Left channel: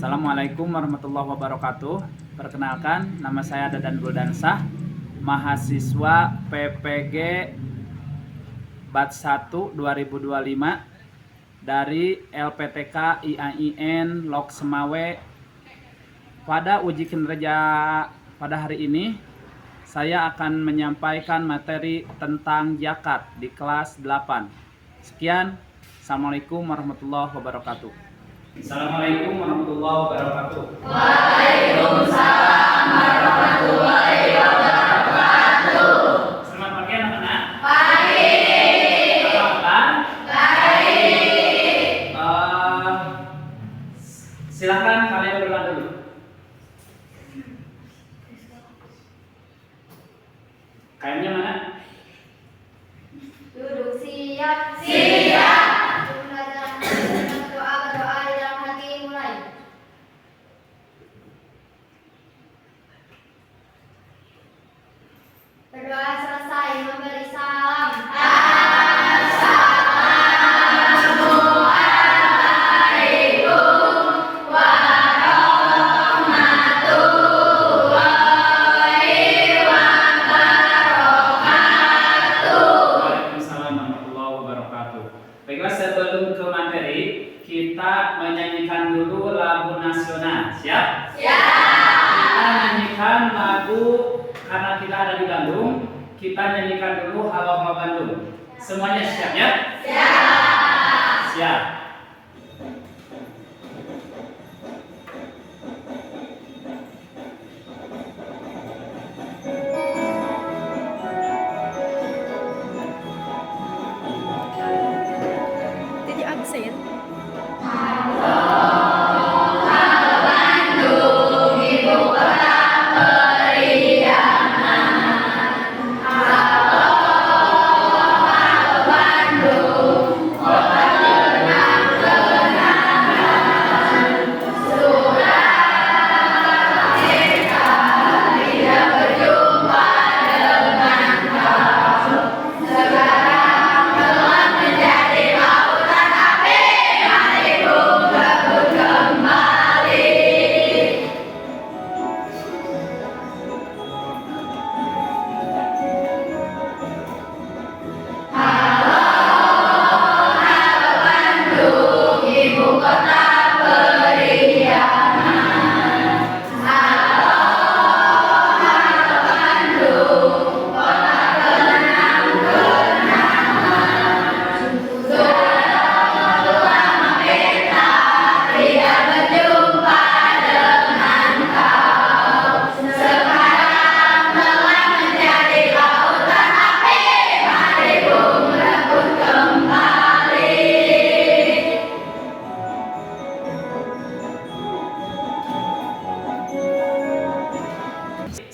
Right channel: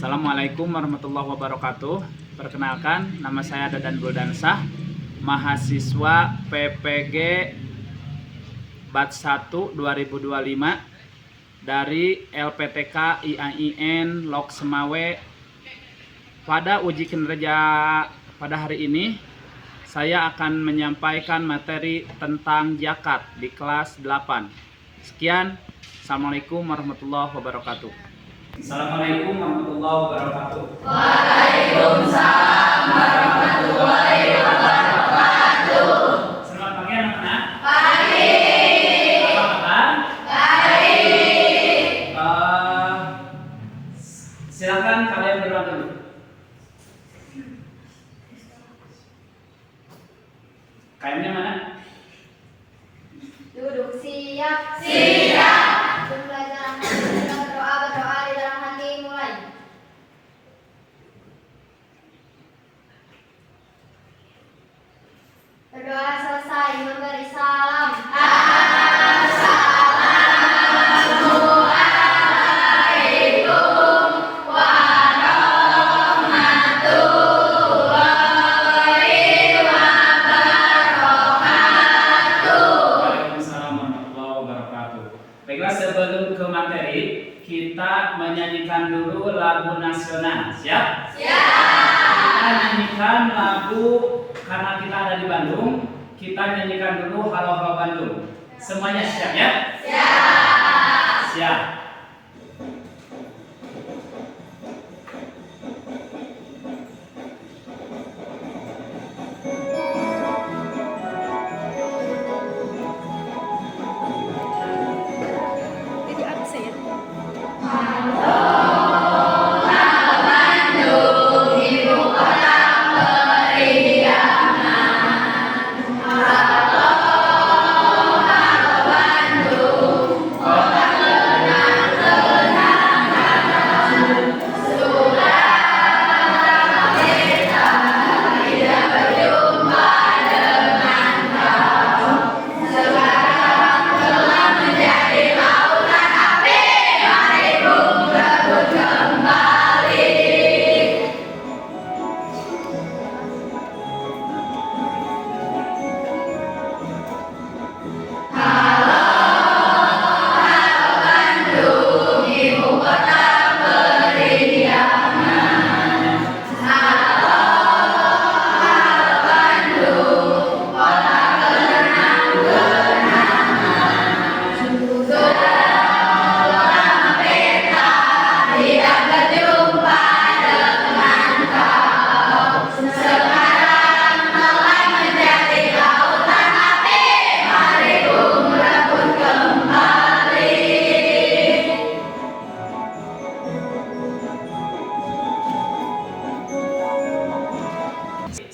Assalamualaikum warahmatullahi wabarakatuh. Perkenalkan, nama saya Dadan Buldansah, mahasiswa PPG Batch 1 2025 dari LPTK IAIN Lok Semawe. Pada uji kinerja pada hari ini, saya akan menyampaikan materi tentang zakat di kelas 8. Sekian, Assalamualaikum warahmatullahi wabarakatuh. Assalamualaikum warahmatullahi wabarakatuh. Waalaikumsalam warahmatullahi wabarakatuh. Selamat pagi anak-anak. Pagi. Apa kabar? Baik. Silakan kalian berdua dulu. Kainnya mana? Duduk siap. Siap. Belajar berdoa di dalam hati mulai. Berdoa selesai memberi salam. Waalaikumsalam warahmatullahi wabarakatuh. Baiklah, sebelum ke materi, kita menyanyikan dulu lagu nasional. Siap? Kita nyanyikan lagu, karena kita ada di Bandung, kita nyanyikan dulu Halo Halo Bandung. Semuanya siap ya? Siap. Jadi absen.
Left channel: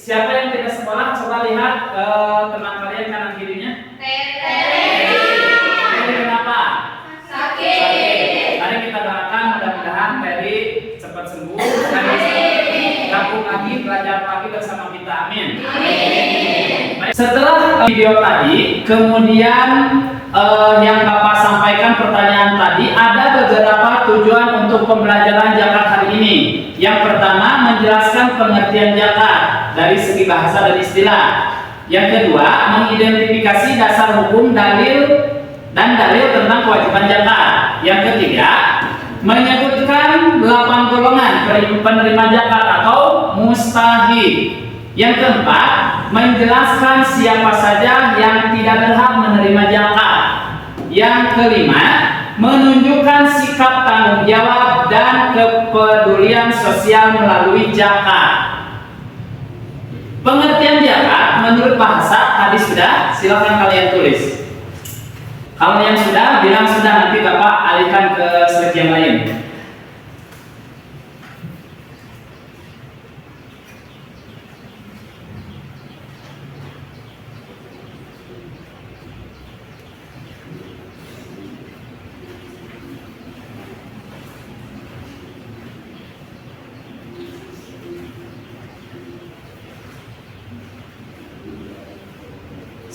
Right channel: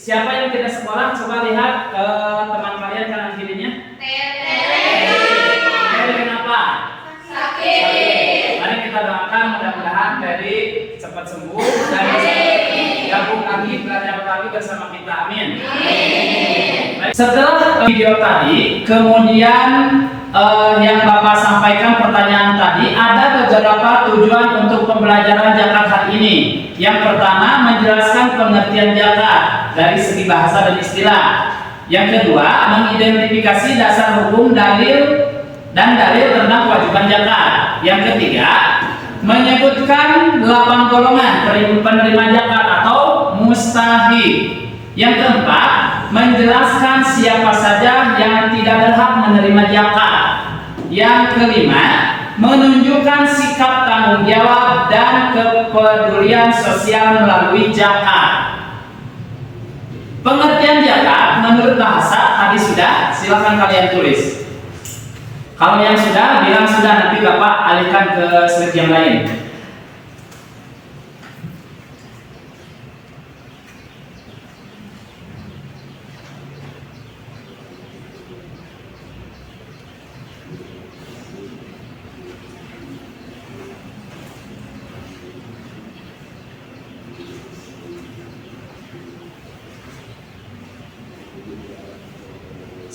Siapa yang tidak sekolah, coba lihat teman kalian kanan kirinya. Peri kenapa? Sakit. Mari kita doakan mudah-mudahan Peri cepat sembuh dan bisa gabung lagi, belajar lagi bersama kita. Amin. Baik, setelah video tadi, kemudian yang Bapak sampaikan pertanyaan tadi, ada beberapa tujuan untuk pembelajaran zakat hari ini. Yang pertama, menjelaskan pengertian zakat dari segi bahasa dan istilah. Yang kedua, mengidentifikasi dasar hukum dalil tentang kewajiban zakat. Yang ketiga, menyebutkan 8 golongan penerima zakat atau mustahik. Yang keempat, menjelaskan siapa saja yang tidak berhak menerima zakat. Yang kelima, menunjukkan sikap tanggung jawab dan kepedulian sosial melalui zakat. Pengertian zakat menurut bahasa tadi sudah, silakan kalian tulis. Kalau yang sudah, bilang sudah, nanti Bapak alihkan ke slide yang lain.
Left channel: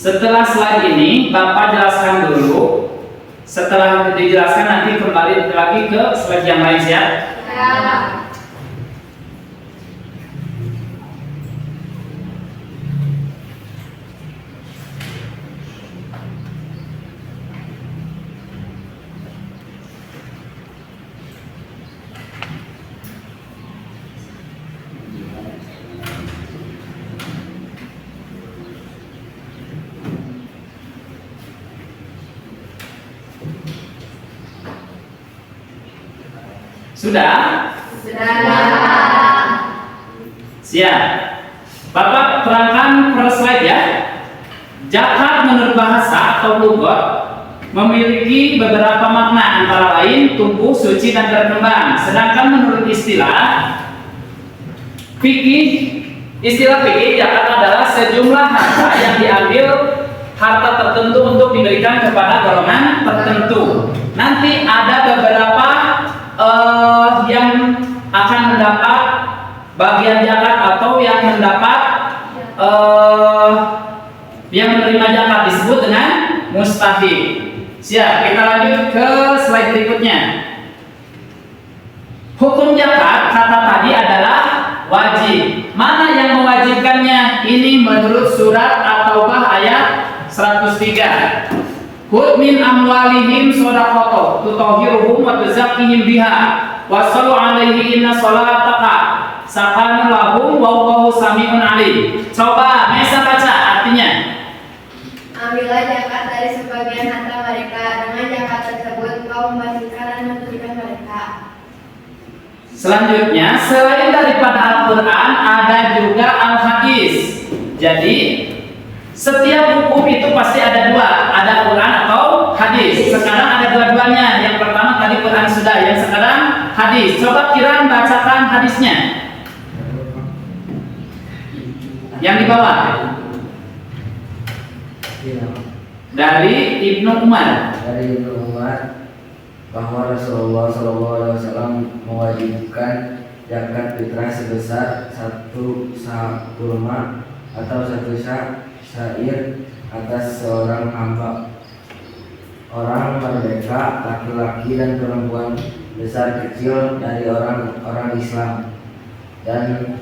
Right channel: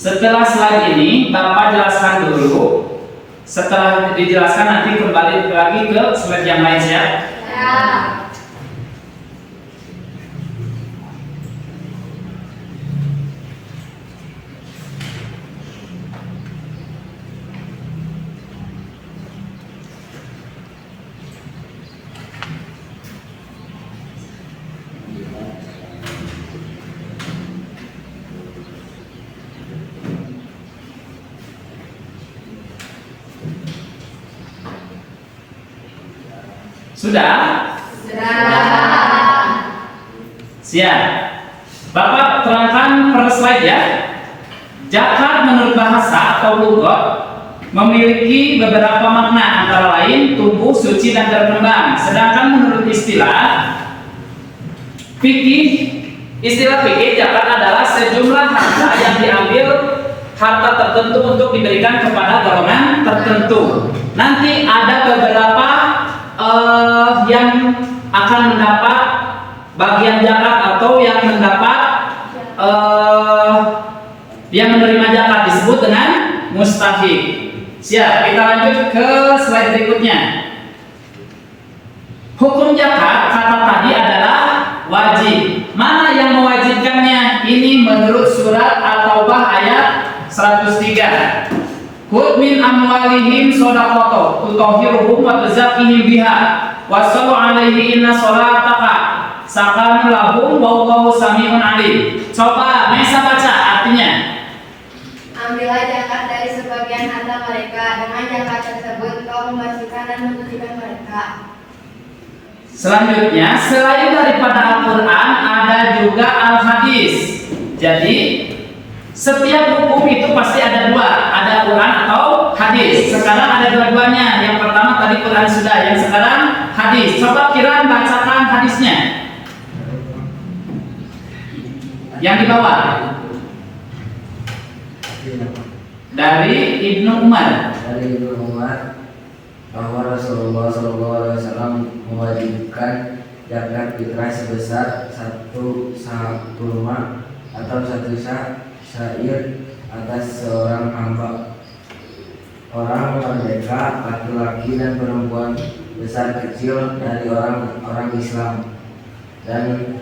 Setelah slide ini Bapak jelaskan dulu. Setelah dijelaskan nanti kembali lagi ke slide yang lain ya. Sudah? Siap. Bapak terangkan per slide ya. Zakat menurut bahasa atau lughat memiliki beberapa makna, antara lain tumbuh, suci, dan berkembang. Sedangkan menurut istilah fikih, zakat adalah sejumlah harta yang diambil harta tertentu untuk diberikan kepada golongan tertentu. Nanti ada beberapa yang akan mendapat bagian zakat atau yang mendapat yang menerima zakat disebut dengan mustahik. Siap, kita lanjut ke slide berikutnya. Hukum zakat kata tadi adalah wajib. Mana yang mewajibkannya? Ini menurut surat At-Taubah ayat 103. Khudh min amwalihim shadaqatan tutahhiruhum wa tuzakkihim biha wa shallu 'alaihi inna shalataka sakanun lahum wallahu samiun 'alim. Coba Mesa baca artinya. Ambillah zakat dari sebagian harta mereka, dengan zakat tersebut kau membersihkan dan mensucikan mereka. Selanjutnya, selain daripada Al-Quran, ada juga Al-Hadis. Jadi, setiap hukum itu pasti ada dua, ada Quran atau hadis. Sekarang ada dua-duanya. Yang pertama tadi Quran sudah, yang sekarang hadis. Coba Kiran bacakan hadisnya. Yang di bawah. Dari Ibnu Umar. Dari Ibnu Umar bahwa Rasulullah SAW mewajibkan zakat fitrah sebesar 1 sa kurma atau 1 sa syair atas seorang hamba, orang merdeka, laki-laki dan perempuan, besar kecil dari orang Islam, dan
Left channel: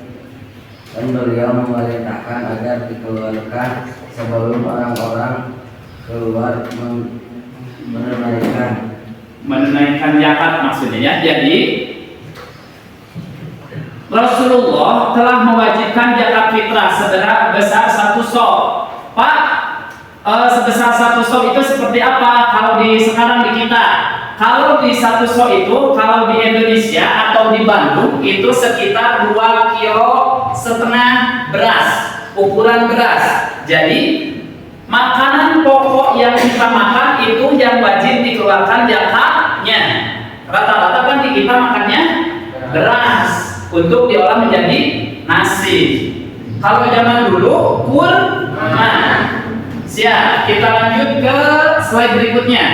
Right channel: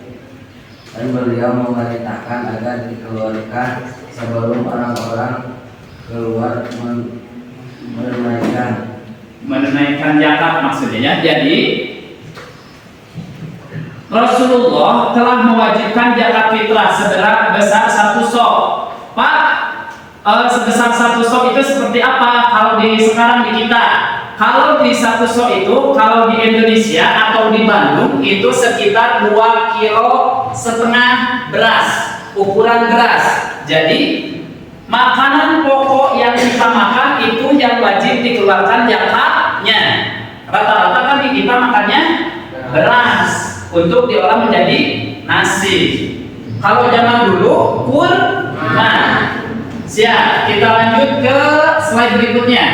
beliau memerintahkan agar dikeluarkan sebelum orang-orang keluar menunaikan zakat maksudnya ya. Jadi Rasulullah telah mewajibkan zakat fitrah sebesar 1 sok. Pak, sebesar 1 sok itu seperti apa kalau sekarang di kita? Kalau di 1 sok itu, kalau di Indonesia atau di Bandung itu sekitar 2,5 kilo beras, ukuran beras. Jadi makanan pokok yang kita makan itu yang wajib dikeluarkan zakatnya. Rata-rata kan kita makannya beras untuk diolah menjadi nasi. Kalau zaman dulu kurma. Siap, kita lanjut ke slide berikutnya.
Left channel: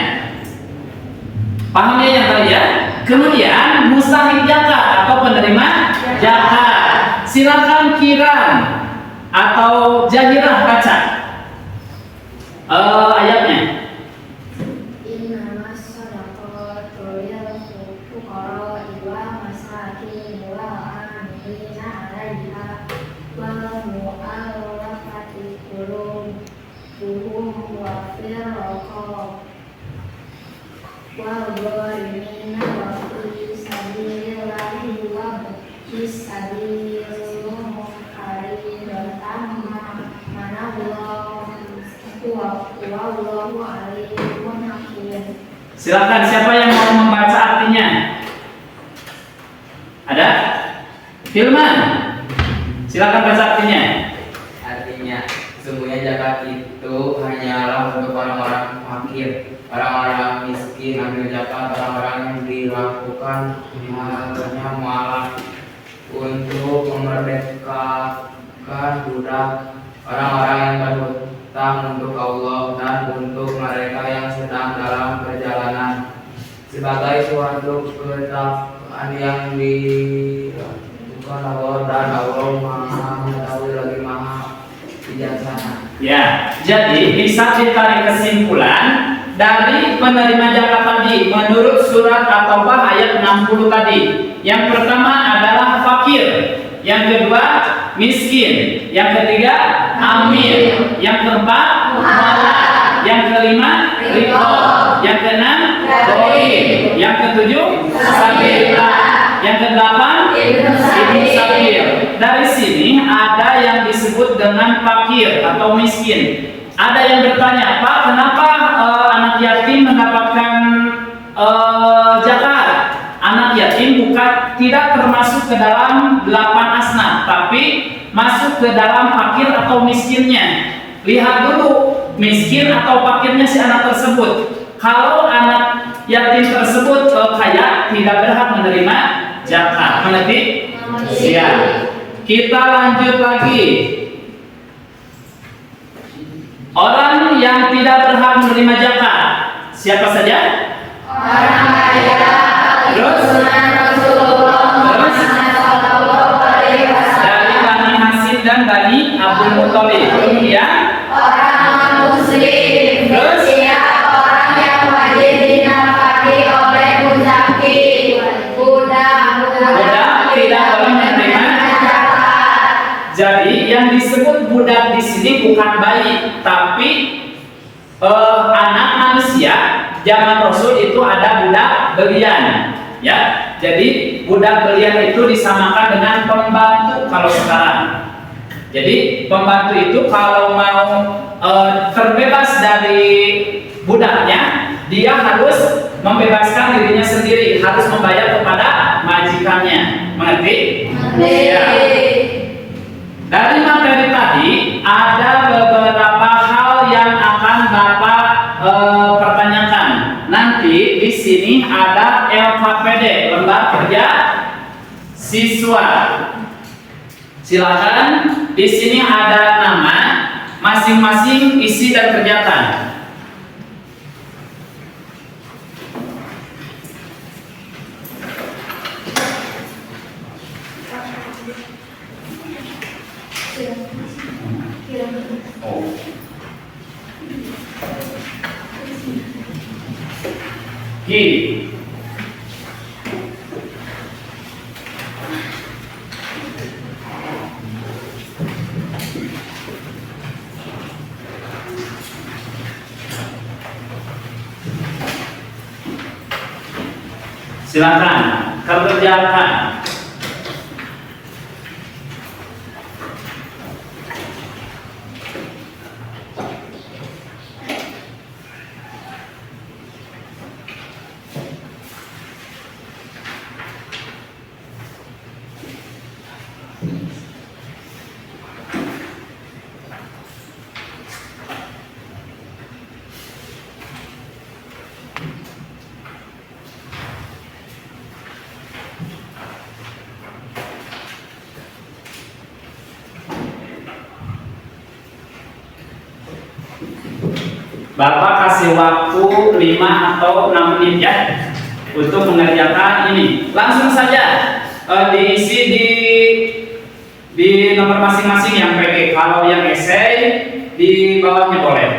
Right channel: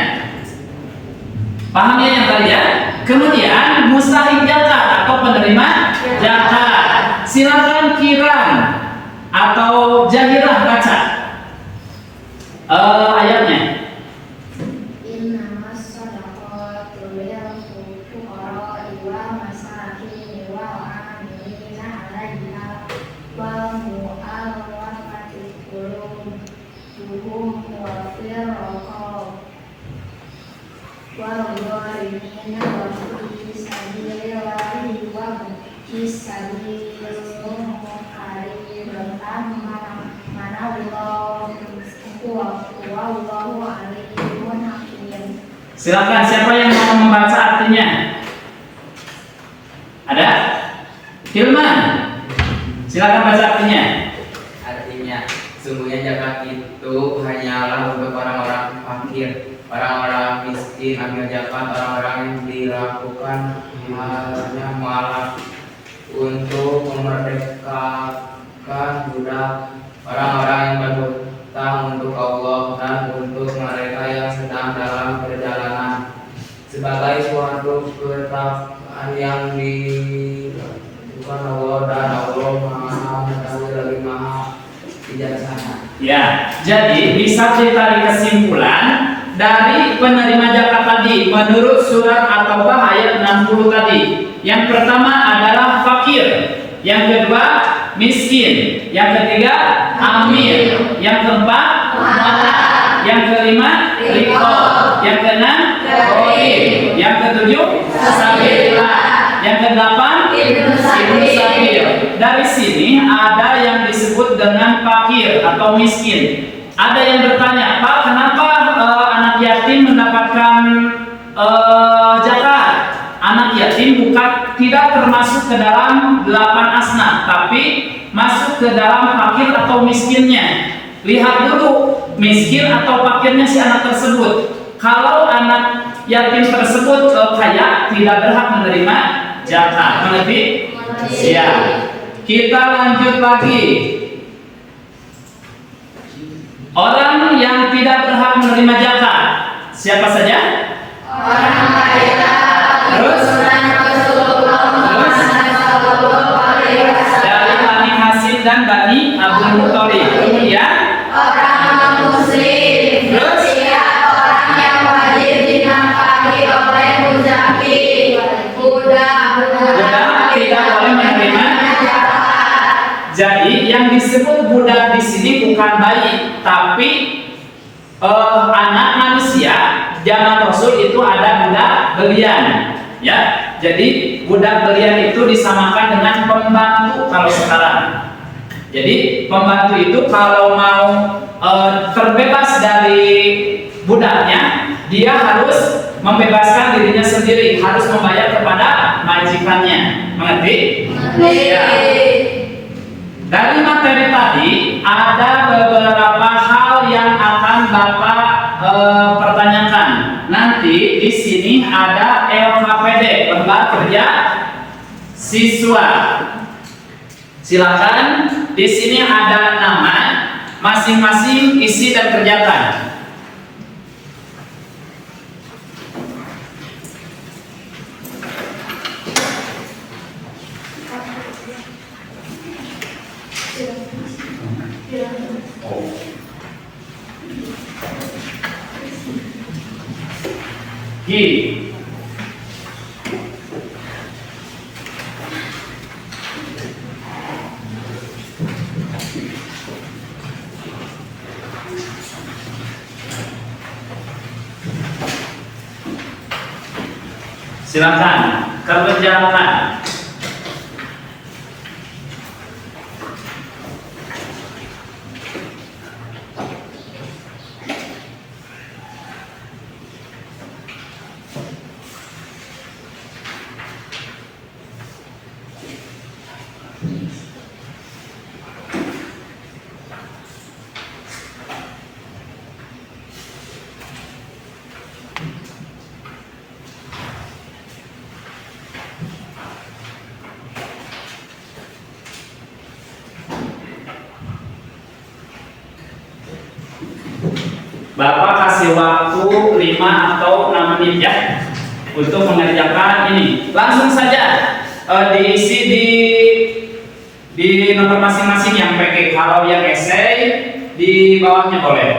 Pahamnya yang tadi ya. Kemudian mustahik zakat atau penerima zakat. Silakan Kiran atau Jahirah baca ayatnya. Innamas shadaqatu lil fuqara'i wal masakin wal 'amilina 'alaiha wal mu'allafati qulubuhum wa fir riqab wal gharimina wa fi sabilillahi wa fi sabilillah khairatan manallahu wallahu alimun hakim. Silakan, siapa yang mau membaca artinya? Ada? Filman. Silakan baca artinya. Artinya, sungguhnya zakat itu hanyalah untuk orang-orang fakir, orang-orang miskin. Ambil zakat orang-orang yang dilakukan hanya malah untuk memerdekakan budak, orang-orang yang berhutang untuk Allah dan untuk mereka yang sedang dalam perjalanan, sebagai suatu ketetapan yang dilakukan Allah, dan Allah Maha Mengetahui lagi Maha Bijaksana. Ya, jadi bisa ditarik kesimpulan dari penerima zakat tadi menurut surat At-Taubah ayat 60 tadi. Yang pertama adalah fakir, yang kedua miskin, yang ketiga amil, yang keempat mu'allaf, yang kelima riqab, yang keenam gharim, yang ketujuh sabilillah, yang kedelapan ibnu sabil. Dari sini ada yang disebut dengan fakir atau miskin. Ada yang bertanya, Pak, kenapa anak yatim mendapatkan zakat? Anak yatim bukan tidak termasuk ke dalam 8 asnaf, tapi masuk ke dalam fakir atau miskinnya. Lihat dulu miskin atau fakirnya si anak tersebut. Kalau anak yatim tersebut kaya, tidak berhak menerima zakat. Mengerti? Siap. Kita lanjut lagi. Orang yang tidak berhak menerima zakat, siapa saja? Orang kaya. Terus? Rasulullah Muhammad sallallahu alaihi wasallam. Dari Bani Hasyim dan Bani Abdul Muthalib. Kemudian Orang muslim. Terus? Setiap orang yang wajib dinafkahi oleh muzaki. Budak tidak boleh menerima. zakat. Jadi yang disebut budak di sini bukan bayi, tapi anak manusia. Zaman Rasul itu ada budak belian, ya. Jadi budak belian itu disamakan dengan pembantu kalau sekarang. Jadi pembantu itu kalau mau terbebas dari budaknya, dia harus membebaskan dirinya sendiri, harus membayar kepada majikannya. Mengerti? Ya. Dari materi tadi ada beberapa hal yang akan Bapak pertanyakan. Nanti di sini ada LKPD, lembar kerja siswa. Silakan, di sini ada nama, masing-masing isi dan kerjakan. Oh. G. Silakan kerjakan. Bapak kasih waktu 5 atau 6 menit ya untuk mengerjakan ini. Langsung saja diisi di nomor masing-masing yang PG. Kalau yang esai di bawahnya boleh.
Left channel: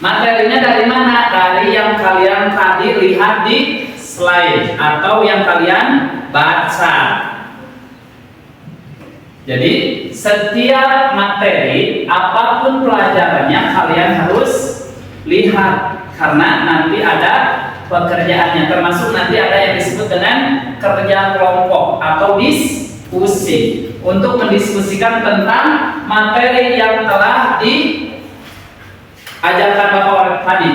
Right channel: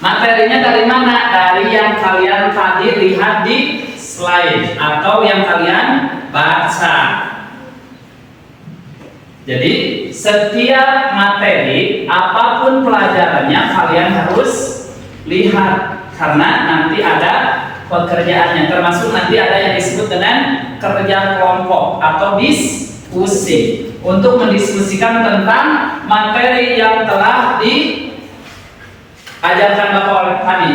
Materinya dari mana? Dari yang kalian tadi lihat di slide atau yang kalian baca. Jadi setiap materi apapun pelajarannya kalian harus lihat karena nanti ada pekerjaannya, termasuk nanti ada yang disebut dengan kerja kelompok atau diskusi untuk mendiskusikan tentang materi yang telah diajarkan Bapak oleh tadi.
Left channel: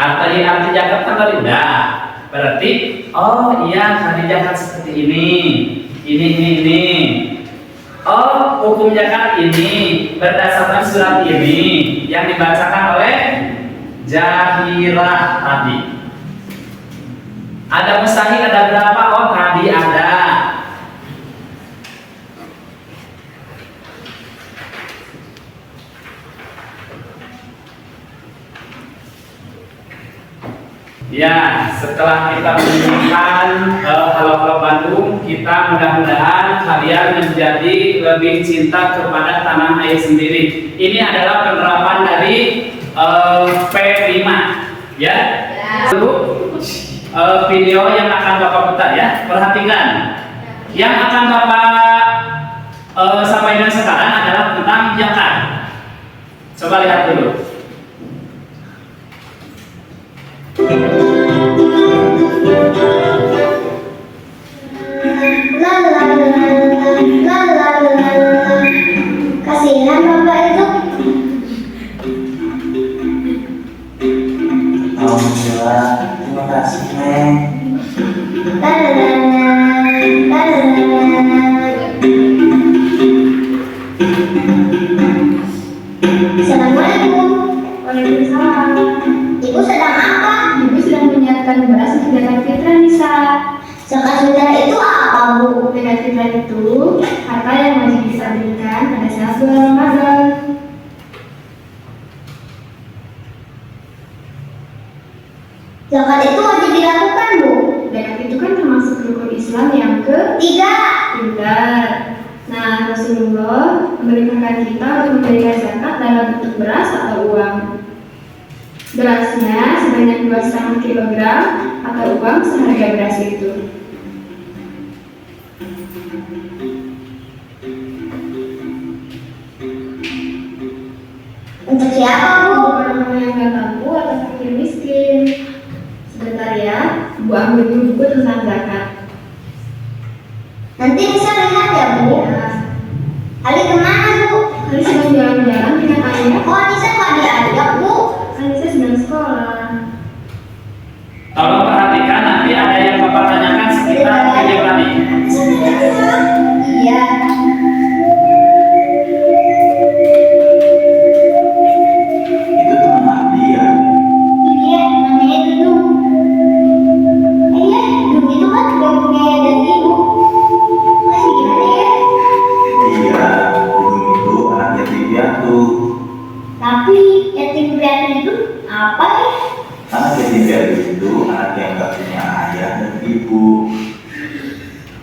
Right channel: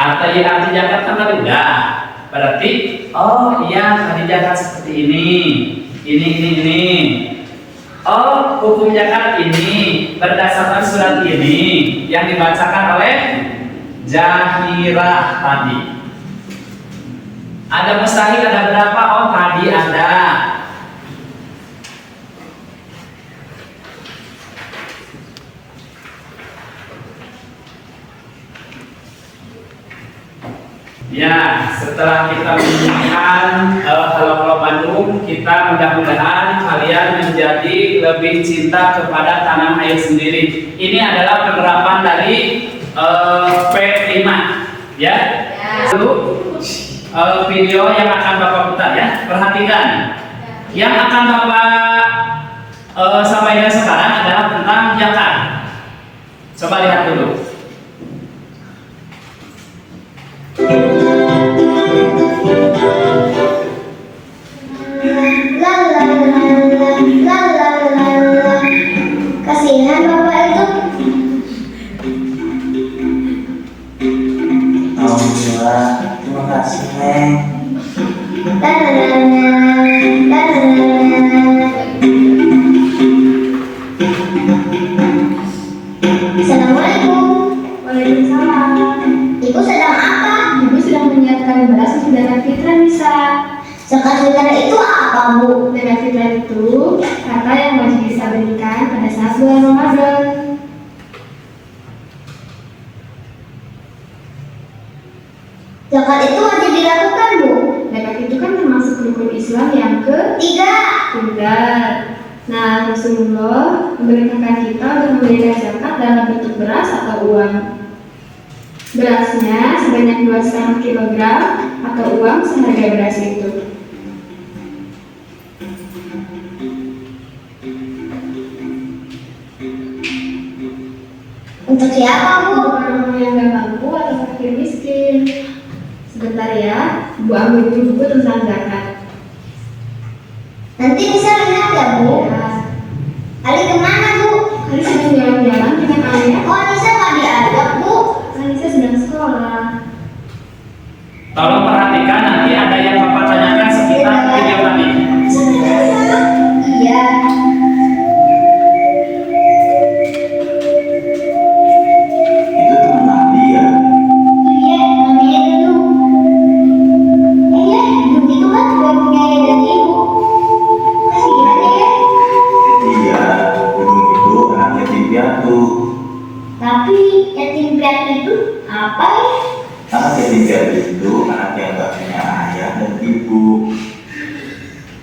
Arti zakat kan tadi udah. Berarti oh iya tadi zakat seperti ini. Oh hukum zakat ini berdasarkan surat ini yang dibacakan oleh Jahirah tadi. Ada mustahil ada berapa? Oh tadi ada. Ya, setelah kita menunjukkan Halo Bandung, kita mudah-mudahan kalian menjadi lebih cinta kepada tanah air sendiri. Ini adalah penerapan dari P5, ya. Lalu video yang akan Bapak putar ya, perhatikan. Yang akan Bapak sampaikan sekarang adalah tentang zakat. Coba lihat dulu. La la la la la la la. Kasihan bapak itu. Alhamdulillah, terima kasih Neng. La la la la la la la. Assalamualaikum. Waalaikumsalam. Ibu sedang apa? Ibu sedang menyiapkan beras untuk zakat fitrah Nisa. Zakat fitrah itu apa, Bu? Zakat fitrah itu harta yang wajib bisa berikan pada saat bulan Ramadan. Zakat itu wajib dilakukan, Bu. Zakat itu kan termasuk rukun Islam yang Tiga. benar. Nah, Rasulullah memerintahkan kita untuk memberikan zakat dalam bentuk beras atau uang. Berasnya sebanyak 2,5 kilogram atau uang seharga beras itu. Untuk siapa, Bu? Untuk orang-orang yang gak mampu atau fakir miskin. Sebentar ya, Bu ambil dulu buku tentang zakat. Nanti bisa lihat ya, Bu. Ya, Ali kemana, Bu? Kali sedang jalan-jalan dengan ayah. Oh, Anissa nggak diajak, Bu. Anissa sedang sekolah. Tolong perhatikan, nanti ada yang Bapak tanyakan sekitar video tadi. Iya. Itu teman Adi ya. Iya, namanya Dudung. Iya, Dudung itu kan udah punya ayah dan ibu. Kasihan ya. Iya, Dudung itu anak yatim piatu. Tapi yatim piatu itu apa ya? Anak yatim piatu itu anak yang gak punya ayah dan ibu.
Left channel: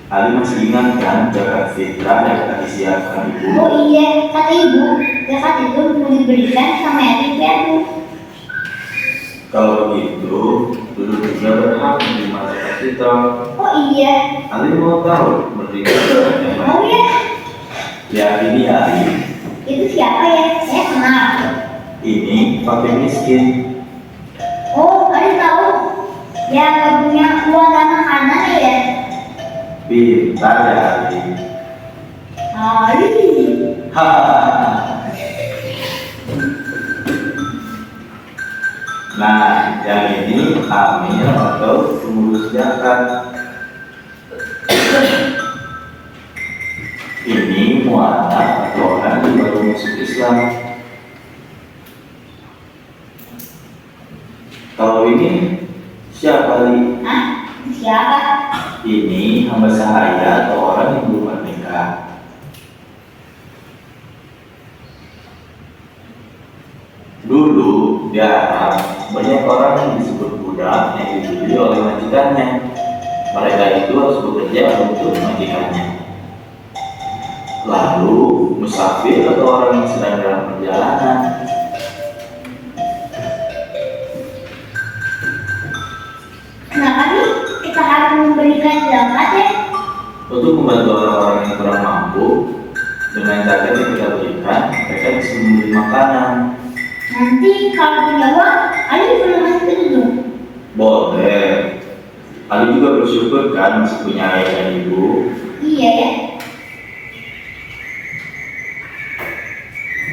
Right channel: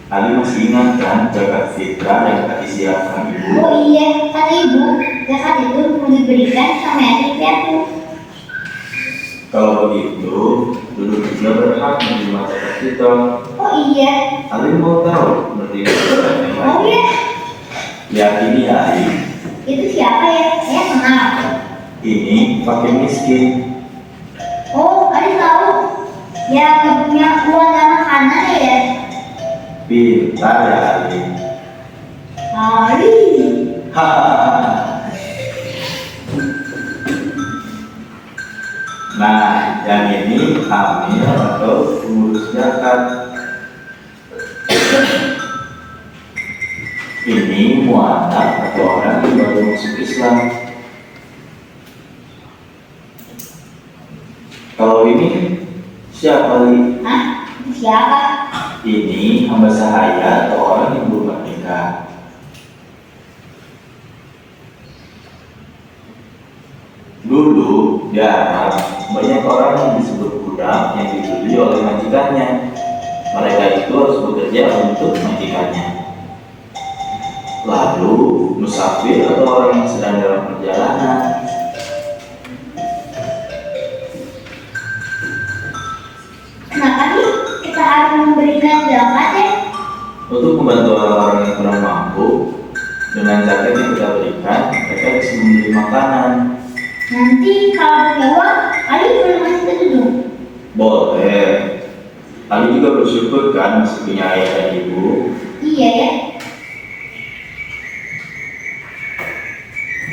Ali masih ingat kan zakat fitrah yang tadi disiapkan ibu? Oh iya, kata ibu, zakat itu mau diberikan sama yatim piatu. Kalau begitu, Dudung juga berhak menerima zakat fitrah. Oh iya. Ali mau tahu menerima zakat yang Oh lain. iya. Ya ini ya Ali, Itu siapa ya? Saya kenal. ini fakir miskin. Oh, ada tahu. Ya nggak punya uang dan makanan ya. Pintar ya Ali. Ali. Hahaha. Nah, yang ini amil atau pengurus zakat. Ini mu'alaf atau orang yang baru masuk Islam. Kalau ini siapa Ali? Hah? Siapa? Ini hamba sahaya atau orang yang belum menikah. Dulu di Arab banyak orang yang disebut budak yang dibeli oleh majikannya. Mereka itu harus bekerja untuk majikannya. Lalu musafir atau orang yang sedang dalam perjalanan. Kenapa nih kita harus memberikan zakat ya? Untuk membantu orang-orang yang kurang mampu, dengan zakat yang kita berikan, mereka bisa membeli makanan. Nanti kalau punya uang, Ali boleh masuk ke Dudung. Boleh. Ali juga bersyukur kan masih punya ayah dan ibu. Iya ya.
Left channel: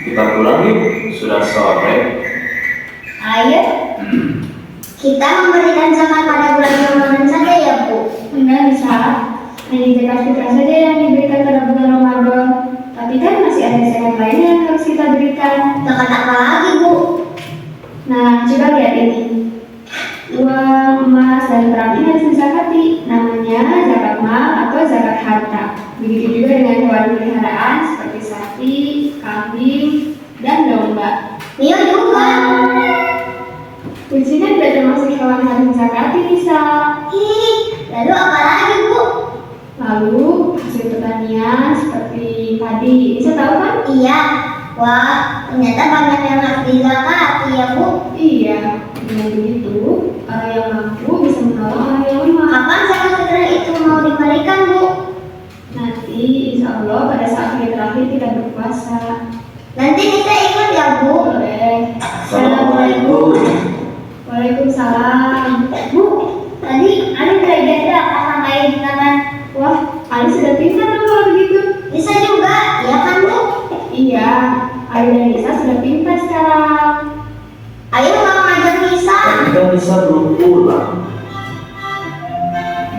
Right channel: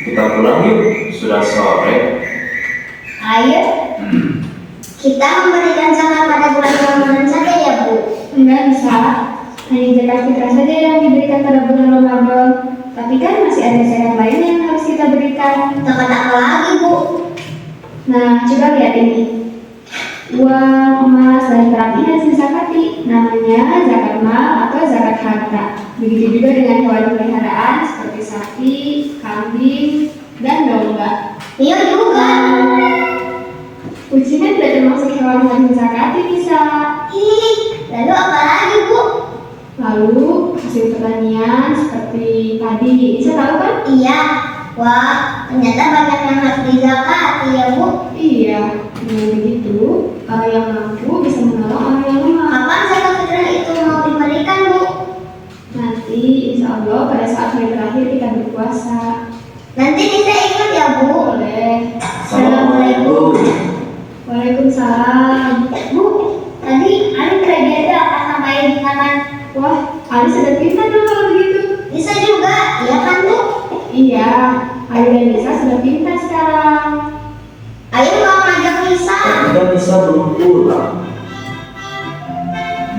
Kita pulang yuk, sudah sore. Ayo. Kita memberikan zakat pada bulan Ramadan saja ya, Bu. Enggak bisa. Hanya zakat fitrah saja yang diberikan pada bulan Ramadan. Tapi kan masih ada zakat lainnya yang harus kita berikan. Zakat apa lagi, Bu? Nah, coba lihat ini. Uang, emas, dan perak ini harus disakati. Namanya zakat mal atau zakat harta. Begitu juga dengan hewan peliharaan seperti sapi, kambing, dan domba. Iya juga. Kucing kan tidak termasuk hewan yang harus disakati bisa. Ih, lalu apa lagi, Bu? Lalu hasil pertanian seperti padi, bisa tahu kan? Iya. Wah, ternyata banyak yang harus dizakati ya, Bu. Iya, dengan begitu orang yang mampu bisa menolong orang yang lemah. Kapan zakat fitrah itu mau diberikan, Bu? Nanti insya Allah pada saat hari terakhir kita berpuasa. Nanti kita ikut ya, Bu. Boleh. Assalamualaikum. Waalaikumsalam. Bu, tadi ada belajar apa sama ingatan? Wah, Ali sudah pintar dong kalau begitu. Bisa juga, ya kan Bu? Iya, Ali dan Nisa sudah pintar sekarang. Ayo mau ngajak Nisa. Tapi kan bisa belum pulang.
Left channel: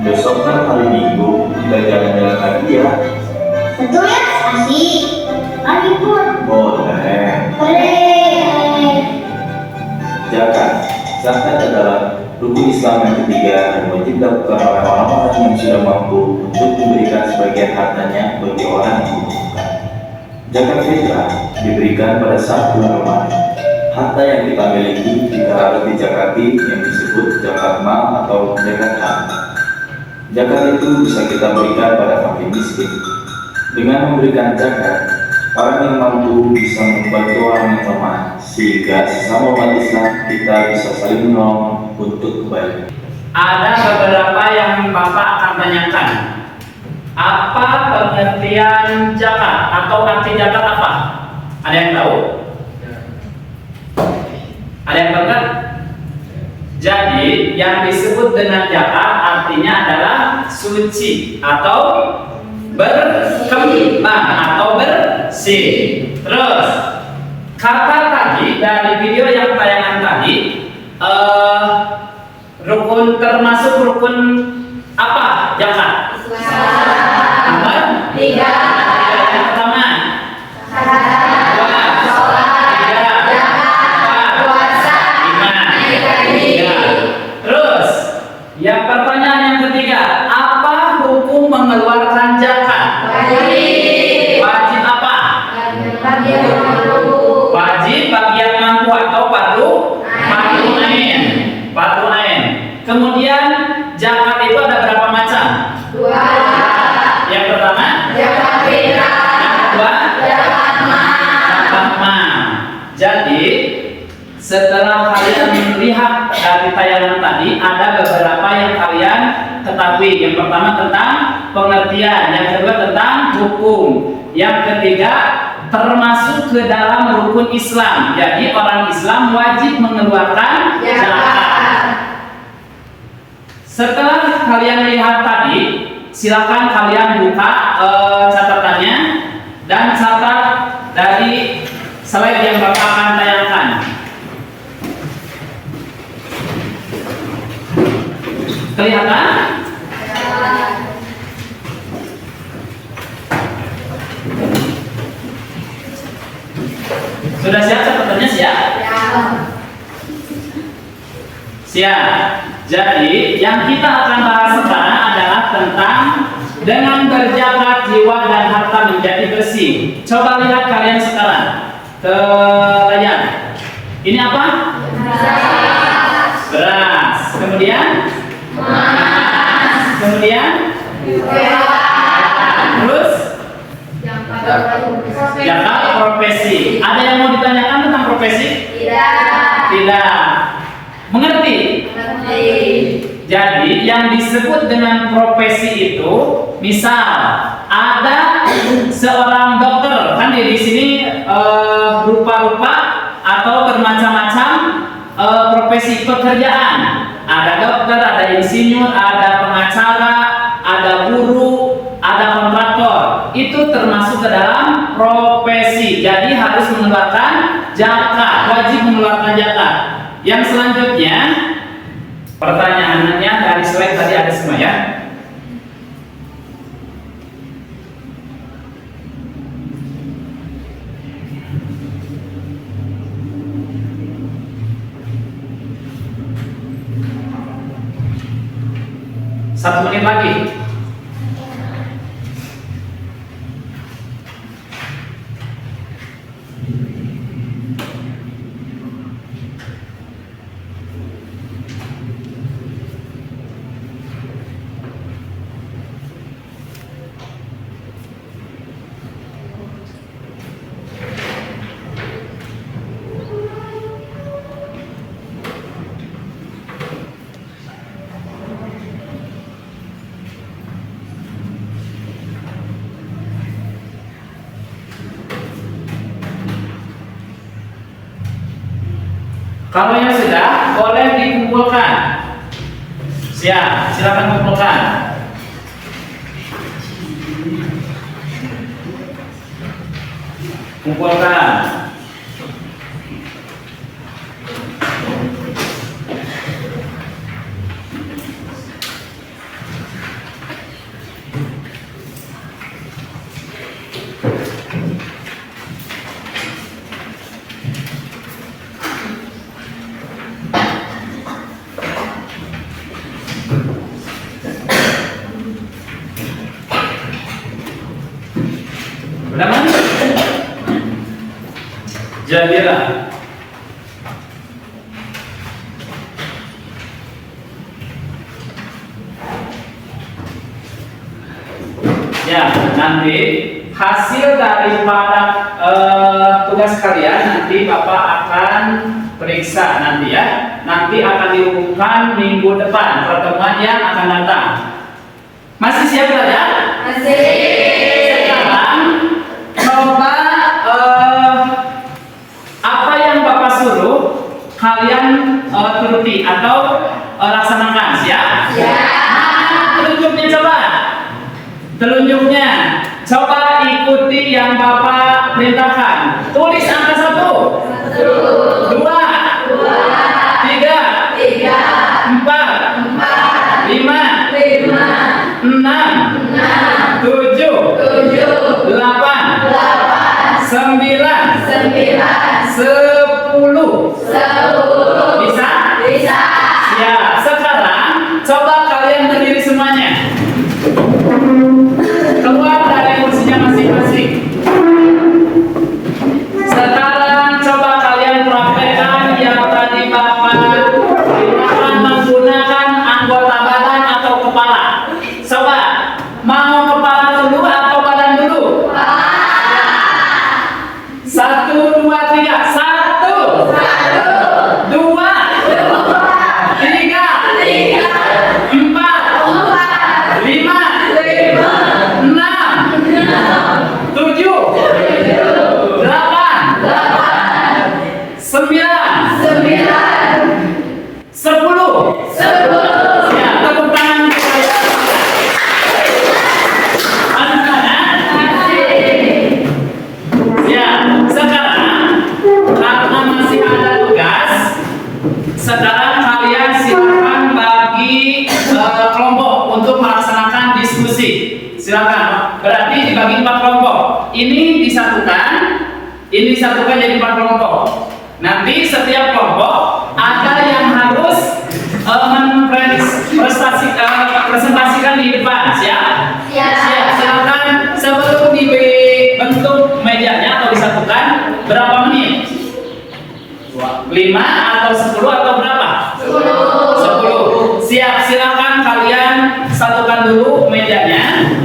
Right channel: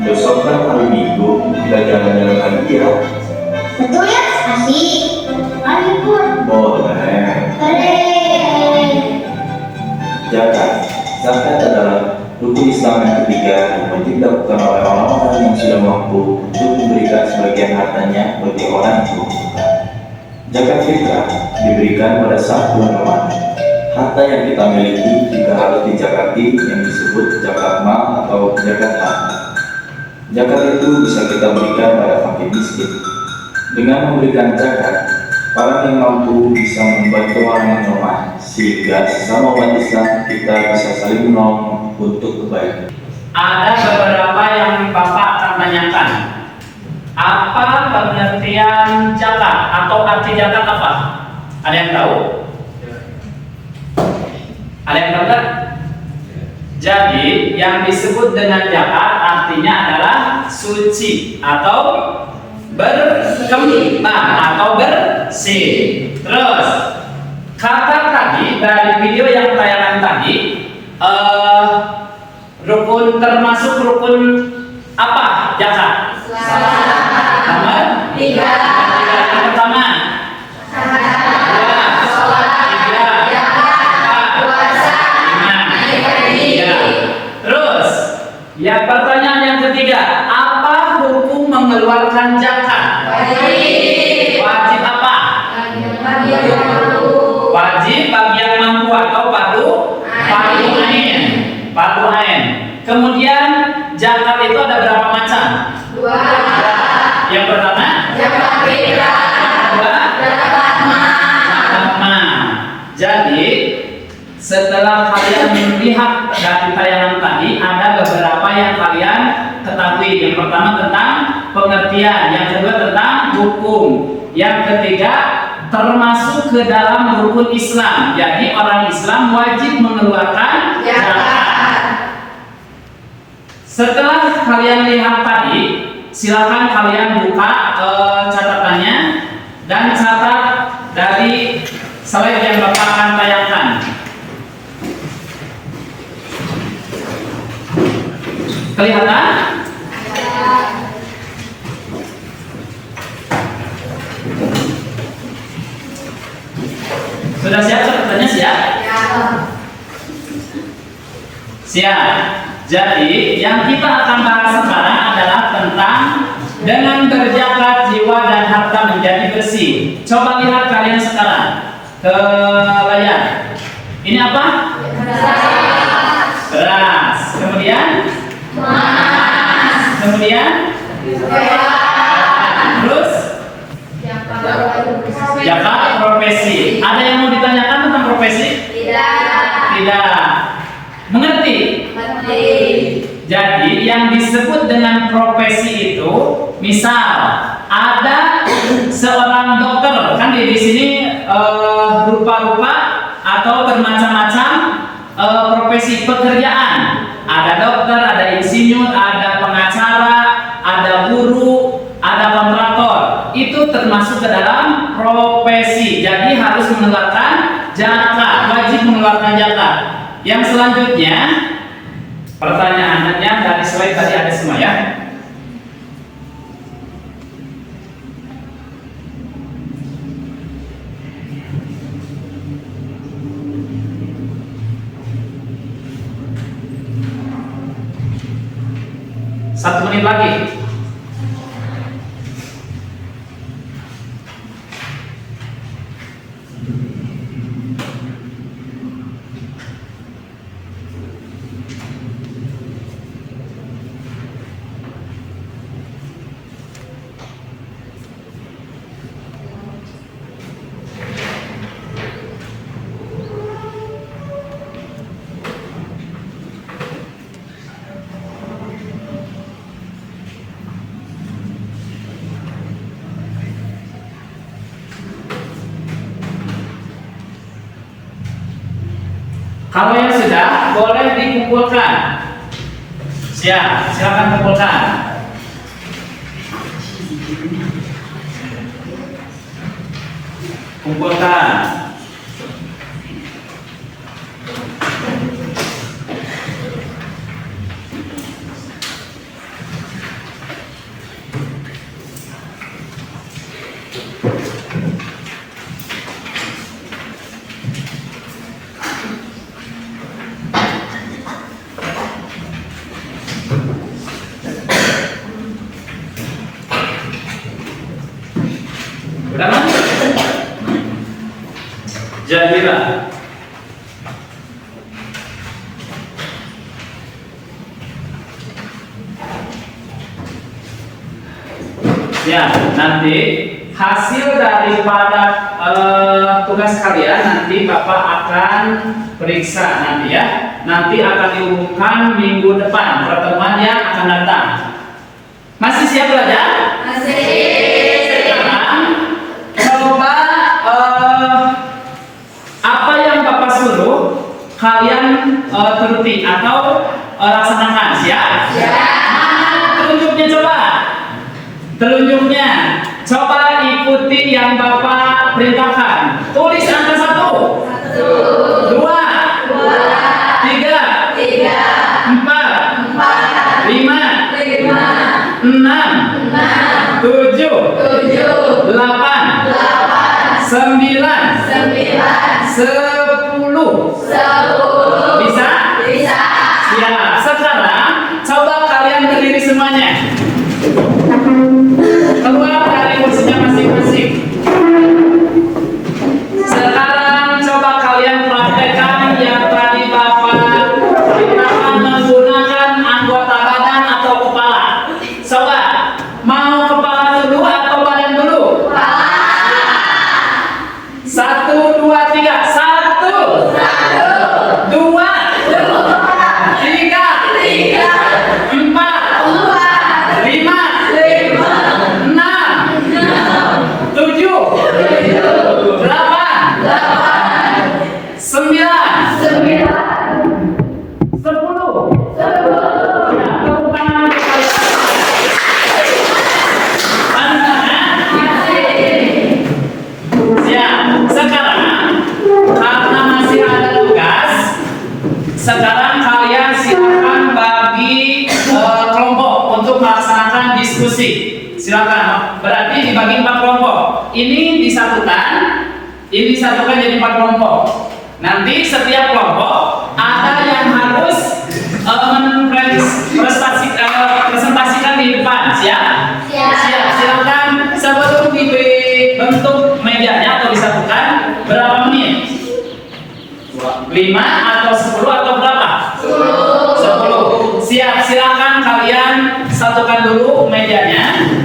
Besok kan hari Minggu, kita jalan-jalan lagi ya. Betul ya? Asik. Ayo ikut. Boleh. Boleh. Zakat adalah rukun Islam yang ketiga dan wajib dilakukan oleh orang-orang yang sudah mampu untuk memberikan sebagian hartanya bagi orang yang membutuhkan. Zakat fitrah diberikan pada saat bulan Ramadan. Harta yang kita miliki jika harus dizakati yang disebut zakat mal atau zakat harta. Zakat itu bisa kita berikan pada fakir miskin. Dengan memberikan zakat, orang yang mampu bisa membantu orang yang lemah, sehingga sesama umat Islam kita bisa saling menolong untuk kebaikan. Ada beberapa yang Bapak akan tanyakan. Apa pengertian zakat atau arti zakat apa? Ada yang tahu? Ada yang tahu kan? Jadi yang disebut dengan zakat artinya adalah suci atau berkembang atau bersih. Terus kata tadi dari video yang tayangan tadi, rukun termasuk rukun apa zakat? Nomor 3. Yang pertama. Terus, ya pertanyaan yang ketiga, apa hukum mengeluarkan zakat? Wajib apa? Wajib bagi yang mampu atau fardu ain. Fardu ain. Kemudian zakat itu ada berapa macam? 2. Yang pertama? Zakat fitrah. Yang kedua? Zakat mal. Jadi setelah kalian melihat dari tayangan tadi, ada beberapa yang kalian ketahui. Yang pertama tentang pengertian, yang kedua tentang hukum, yang ketiga termasuk ke dalam rukun Islam. Jadi orang Islam wajib mengeluarkan zakat. Setelah kalian lihat tadi, silakan kalian buka catatannya dan catat dari slide yang Bapak akan tayangkan. Kelihatan? Sudah siap catatannya? Siap? Siap. Jadi yang kita akan bahas sekarang adalah tentang dengan berzakat jiwa dan harta menjadi bersih. Coba lihat kalian sekarang ke layar. Ini apa? Beras. Kemudian? Kemudian? Terus? Zakat profesi. Ada yang mau ditanyakan tentang profesi? Tidak. Mengerti? Jadi yang disebut dengan profesi itu, misal ada seorang dokter, kan di sini rupa-rupa atau bermacam-macam profesi pekerjaan. Ada dokter, ada insinyur, ada pengacara, ada guru, ada kontraktor. Itu termasuk ke dalam profesi. Jadi harus mengeluarkan zakat, wajib mengeluarkan zakat. Yang selanjutnya, pertanyaannya dari slide tadi ada semua ya. Satu menit lagi. Kalau yang sudah, boleh dikumpulkan. Siap, silakan kumpulkan. Kumpulkan. Udah mana? Jadilah. Ya, nanti hasil daripada tugas kalian nanti Bapak akan periksa nanti ya. Nanti akan diumumkan minggu depan pertemuan yang akan datang. Masih siap belajar? Masih. Sekarang coba apa yang Bapak suruh kalian turuti atau laksanakan. Siap? Siap. Telunjuknya coba. Telunjuknya, coba ikuti yang Bapak perintahkan. Tulis angka 1, 2, 3, 4, 5, 6, 7, 8, 9, 10. Bisa? Bisa. Ya, sekarang coba kalian berdiri semuanya. Keluar dari kursinya masing-masing. Sekarang coba kalian praktekkan yang tadi Bapak perintahkan menggunakan anggota badan atau kepala. Coba, mau kepala dulu atau badan dulu? Kepala. 1, 2, 3. 1, 2, 3, 4, 5, 6, 7, 8, 9, 10. Ya, tepuk tangan untuk kalian. Siap. Sekarang karena masih ada tugas, sekarang kalian silakan bagi kelompok untuk melaksanakan diskusi. Silakan. Berarti dibagi 4 kelompok. Ini disatukan jadi 4 kelompok. Nanti setiap kelompok ada yang harus presentasikan di depan. Siap? Siap. Silakan sebelum dibentuk medianya atau disatukan berapa menit? 5 atau 10 atau berapa? 10. Siap. Silakan kalian satukan dulu medianya.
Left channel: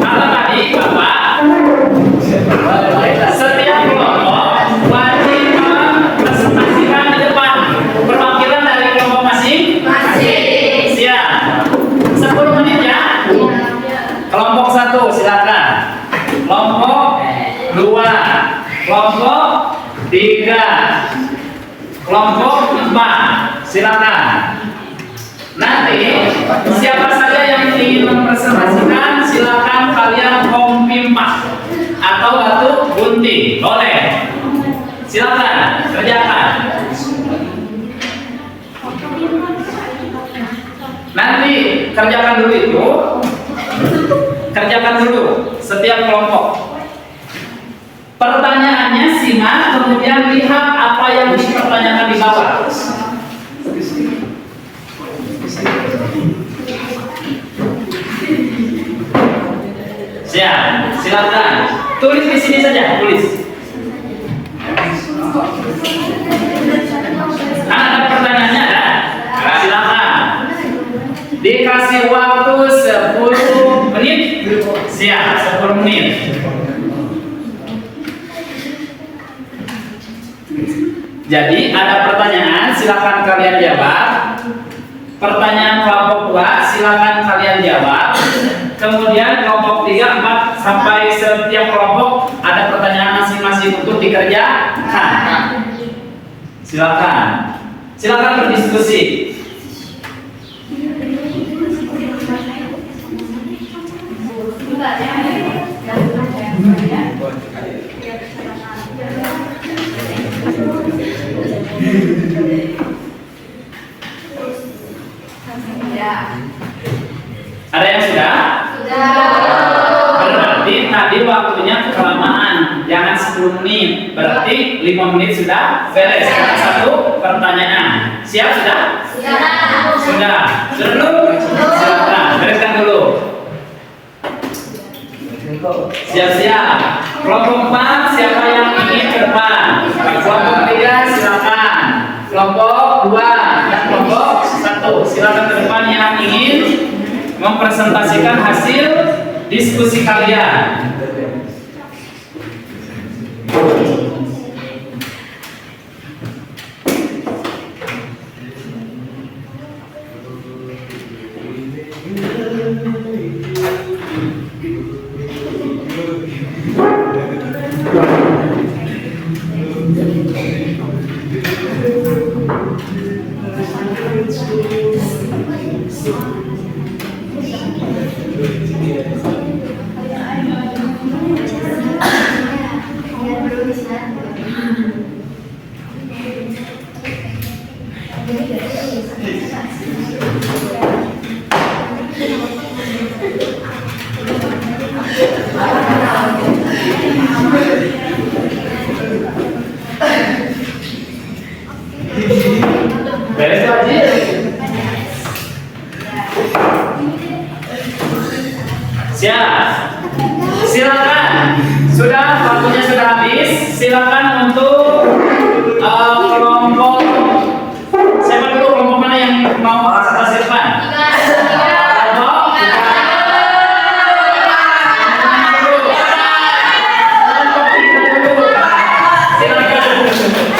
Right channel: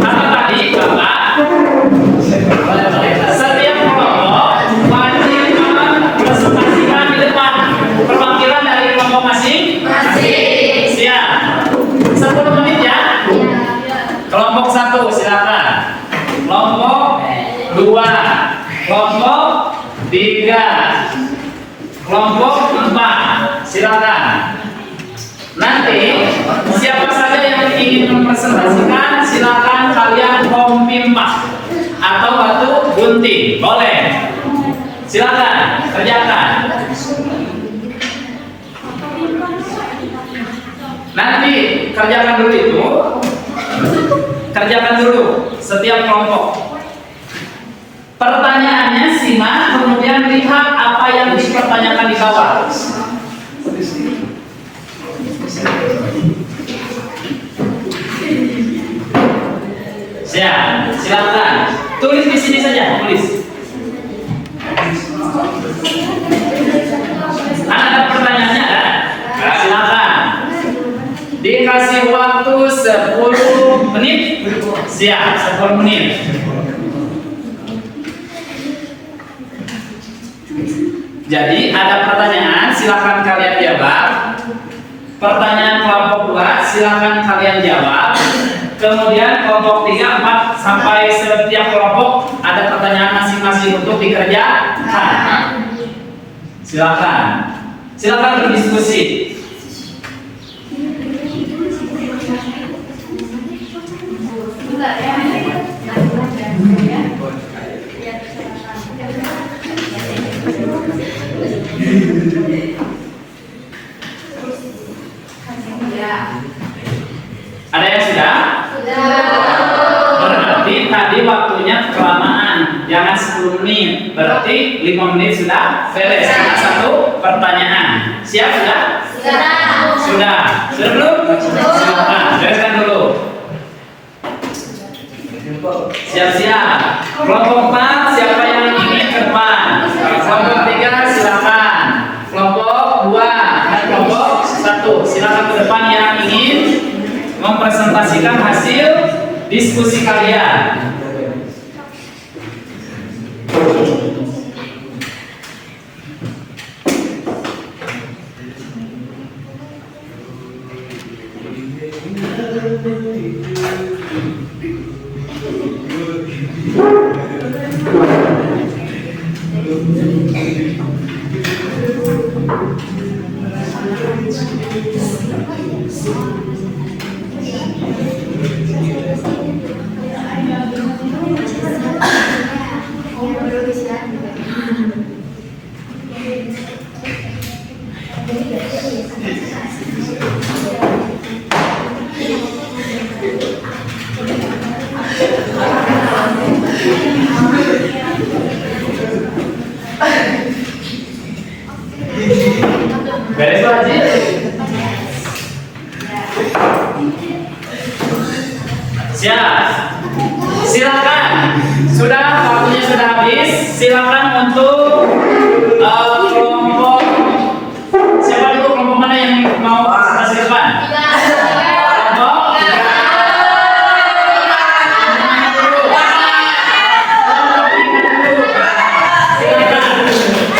Apa tadi Bapak? Setiap kelompok wajib mempresentasikan di depan perwakilan dari kelompok masing-masing. Siap. 10 menit ya. Kelompok 1 silakan. Kelompok 2, kelompok 3, kelompok 4 silakan. Nanti siapa saja yang ingin mempresentasikan silakan kalian kompimpah atau batu gunting, boleh. Silakan kerjakan. Nanti kerjakan dulu itu. Kerjakan dulu setiap kelompok. Pertanyaannya simak, kemudian lihat apa yang dipertanyakan di bawah. Siap, silakan. Tulis di sini saja, tulis. Ada pertanyaannya ada? Silakan. Di dikasih waktu 10 menit. Siap, 10 menit. Jadi ada pertanyaan, silakan kalian jawab. Pertanyaan kelompok 2, silakan kalian jawab. Kemudian kelompok 3, 4 sampai setiap kelompok ada pertanyaan masing-masing untuk dikerjakan. Silakan. Silakan berdiskusi. Bentar ya. Ada yang sudah? Berarti tadi waktunya kelamaan, jangan 10 menit. Berarti 5 menit sudah beres. Satu pertanyaan. Siap sudah? Sudah. Sudah belum? Silakan, bereskan dulu. Siap-siap. Kelompok 4, siapa yang ingin ke depan? Kelompok 3, silakan. Kelompok 2 dan kelompok 1, silakan ke depan yang ingin mempresentasikan hasil diskusi kalian. Beres Pak Haji? Siap. Silakan. Sudah, waktunya sudah habis. Silakan untuk kelompok. Siapa dulu kelompok mana yang mau presentasi depan? Kelompok silakan.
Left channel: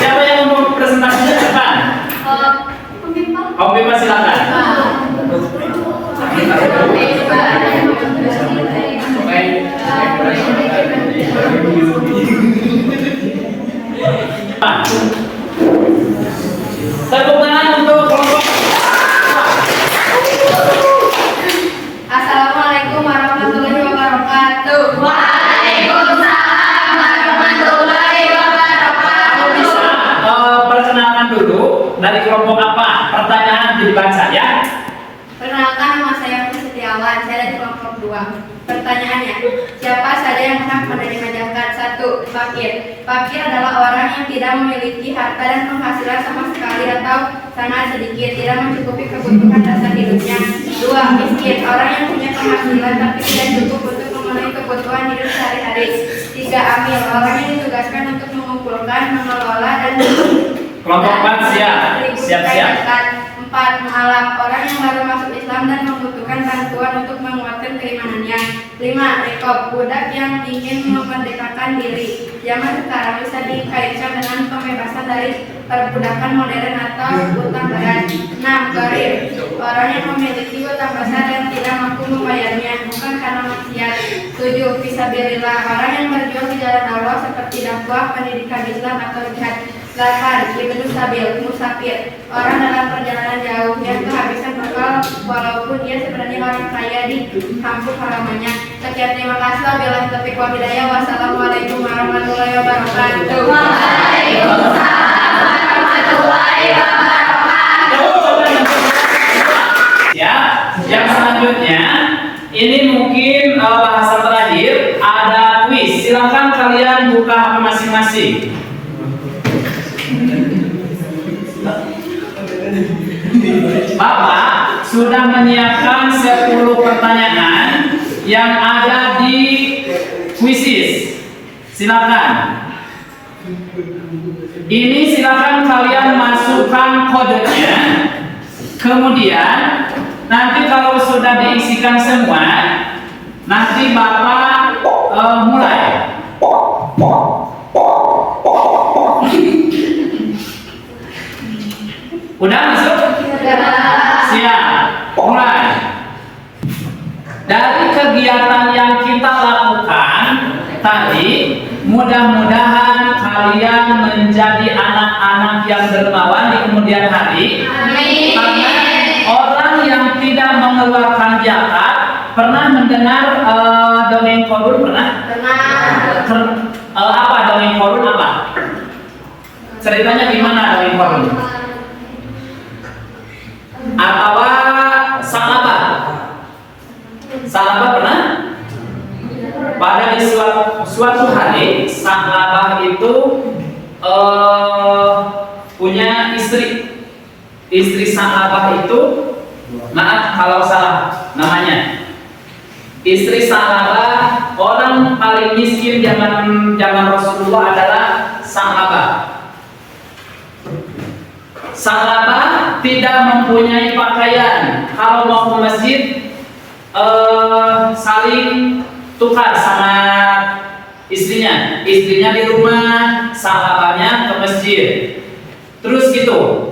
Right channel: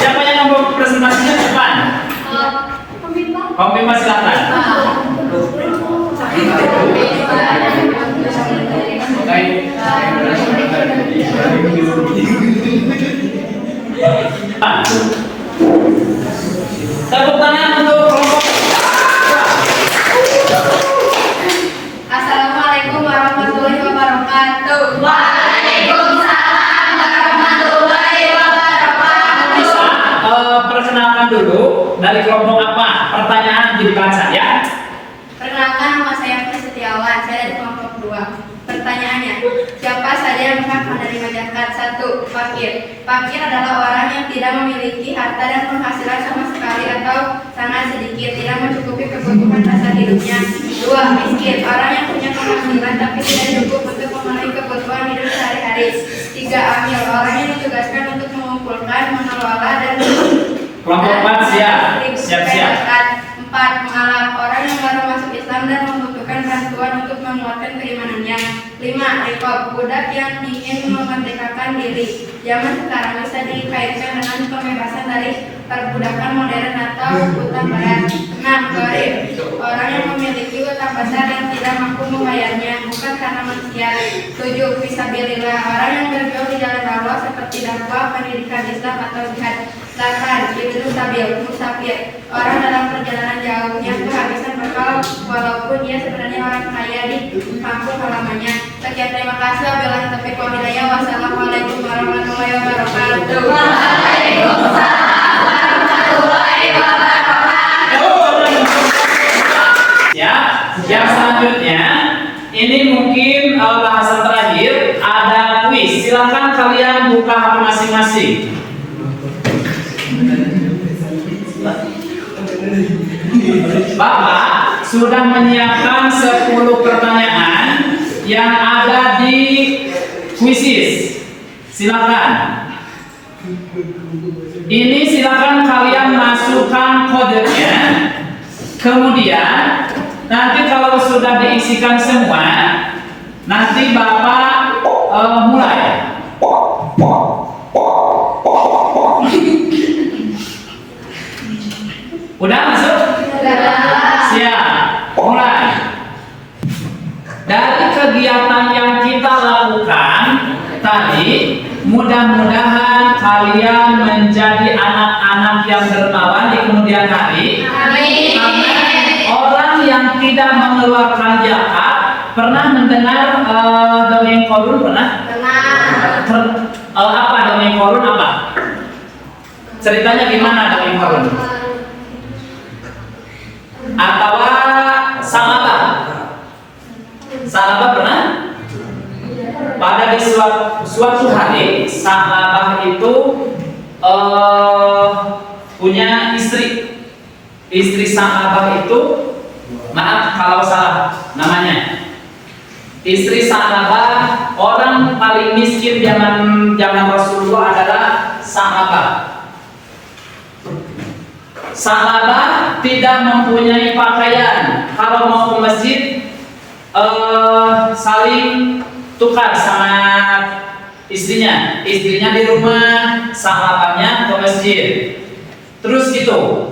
Siapa yang mau presentasinya depan? Om Bima silakan. Tepuk tangan untuk kelompok. Assalamualaikum warahmatullahi wabarakatuh. Waalaikumsalam warahmatullahi wabarakatuh. Kamu bisa perkenalkan dulu dari kelompok apa? Pertanyaan nanti dibaca ya. Perkenalkan, nama saya Raffi Setiawan. Saya dari kelompok 2. Pertanyaannya, siapa saja yang berhak menerima zakat? 1. Fakir. Fakir adalah orang yang tidak memiliki harta dan penghasilan sama sekali atau sangat sedikit, tidak mencukupi kebutuhan dasar hidupnya. 2. Miskin. Orang yang punya penghasilan tapi tidak cukup untuk memenuhi kebutuhan hidup sehari-hari. 3. Amil. Orang yang ditugaskan untuk mengumpulkan, mengelola dan Kelompok 4 siap. Siap-siap. 4. Mu'alaf. Orang yang baru masuk Islam dan membutuhkan bantuan untuk menguatkan keimanannya. 5. Rikob. Budak yang ingin memerdekakan diri. Zaman sekarang bisa dikaitkan dengan pembebasan dari perbudakan modern atau utang berat. 6. Gharib. Orang yang memiliki utang besar dan tidak mampu membayarnya, bukan karena maksiat. 7. Fisabilillah. Orang yang berjuang di jalan Allah seperti dakwah, pendidikan Islam atau jihad. 8. Ibnu Sabil. Musafir. Orang dalam perjalanan jauh yang kehabisan bekal walaupun dia sebenarnya orang kaya di kampung halamannya. Sekian, terima kasih. Wabillahi taufiq wal hidayah. Wassalamualaikum warahmatullahi wabarakatuh. Waalaikumsalam warahmatullahi wabarakatuh. Ya, yang selanjutnya ini mungkin bahasan terakhir, ada kuis. Silakan kalian buka HP masing-masing. Bapak sudah menyiapkan 10 pertanyaan yang ada di kuisis. Silakan. Ini silakan kalian masukkan kodenya. Kemudian Nanti kalau sudah diisikan semua, nanti Bapak mulai. Udah masuk? Siap. Mulai. Dari kegiatan yang kita lakukan tadi, mudah-mudahan kalian menjadi anak-anak yang dermawan di kemudian hari. Amin. Karena orang yang tidak mengeluarkan zakat, pernah mendengar dongeng korun pernah? Apa dongeng korun apa? Ceritanya gimana dongeng korun? Atau Salaba? Salaba pernah? Pada di suatu hari Salaba itu punya istri. Istri Salaba itu, maaf kalau salah namanya. Istri Salaba orang paling miskin zaman Rasulullah adalah Salaba. Salaba tidak mempunyai pakaian. Kalau mau ke masjid saling tukar sama istrinya. Istrinya di rumah, Salabanya ke masjid. Terus gitu.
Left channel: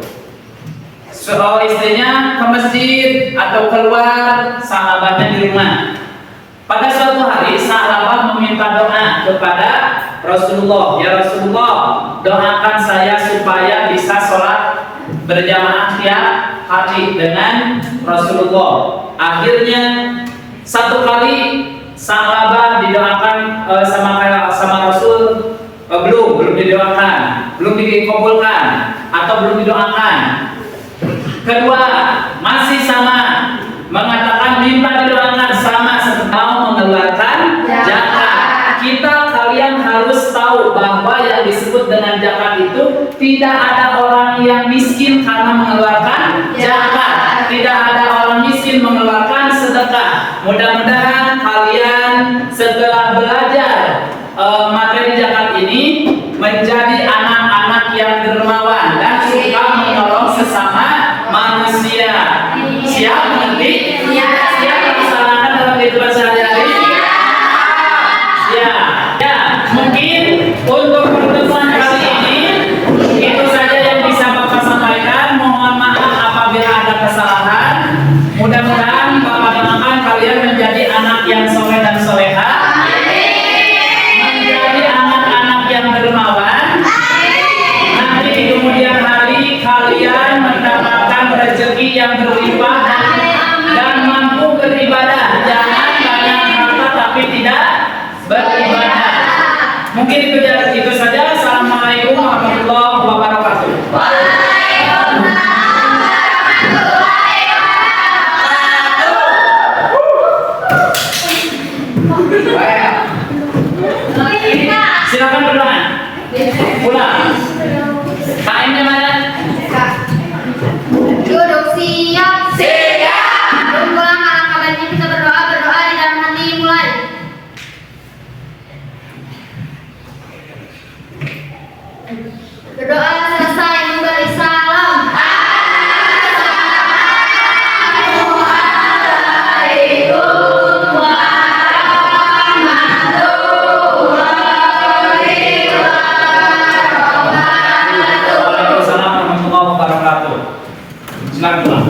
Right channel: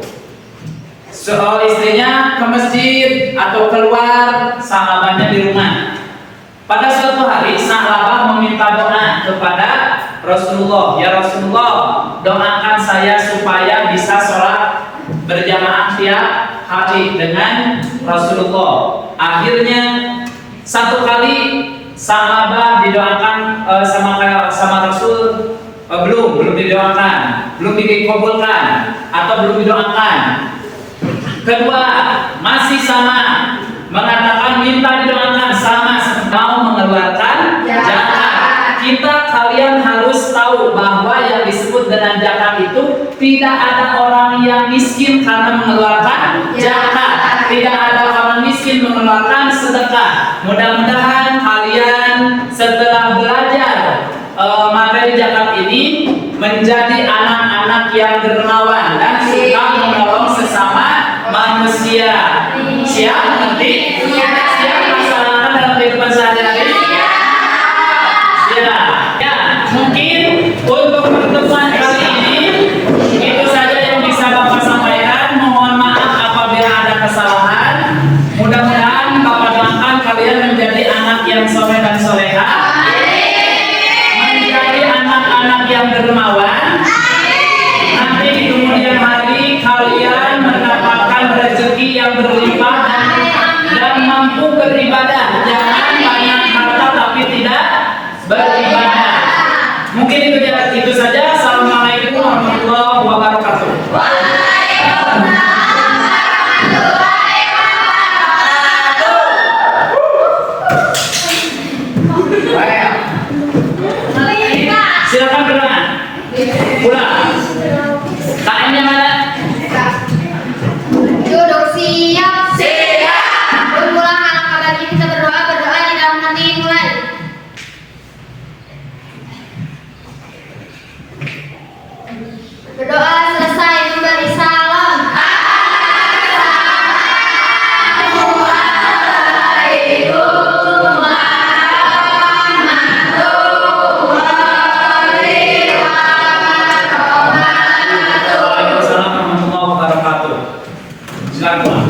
Istrinya ke masjid atau keluar, Salabanya di rumah. Pada suatu hari Salabah meminta doa kepada Rasulullah. Ya Rasulullah, doakan saya supaya bisa sholat berjamaah tiap hari dengan Rasulullah. Akhirnya satu kali Salabah didoakan sama Rasul, belum didoakan, belum dikabulkan atau belum didoakan. Kedua masih sama, mengatakan minta didoakan sama seperti mau mengeluarkan zakat. Kalian harus tahu bahwa yang disebut dengan zakat itu tidak ada orang yang miskin karena mengeluarkan zakat. Tidak ada orang miskin mengeluarkan sedekah. Mudah-mudahan kalian setelah belajar materi zakat ini menjadi anak-anak yang dermawan dan suka menolong sesama manusia. Siap mengerti? Siap melaksanakan dalam kehidupan sehari-hari? Ya, mungkin untuk pertemuan kali ini itu saja yang bisa Bapak sampaikan. Mohon maaf apabila ada kesalahan. Mudah-mudahan Bapak doakan kalian menjadi anak yang soleh dan soleha, menjadi anak-anak yang dermawan. Nanti di kemudian hari kalian mendapatkan rezeki yang berlimpah dan mampu beribadah. Jangan banyak harta tapi tidak beribadah. Mungkin itu saja. Assalamualaikum warahmatullahi wabarakatuh. Silakan berdoa. Pulang. KM-nya mana? Duduk siap. Berpulang anak-anak ini kita berdoa di dalam hati mulai. Berdoa selesai memberi salam. Waalaikumsalam warahmatullahi wabarakatuh. Silakan pulang.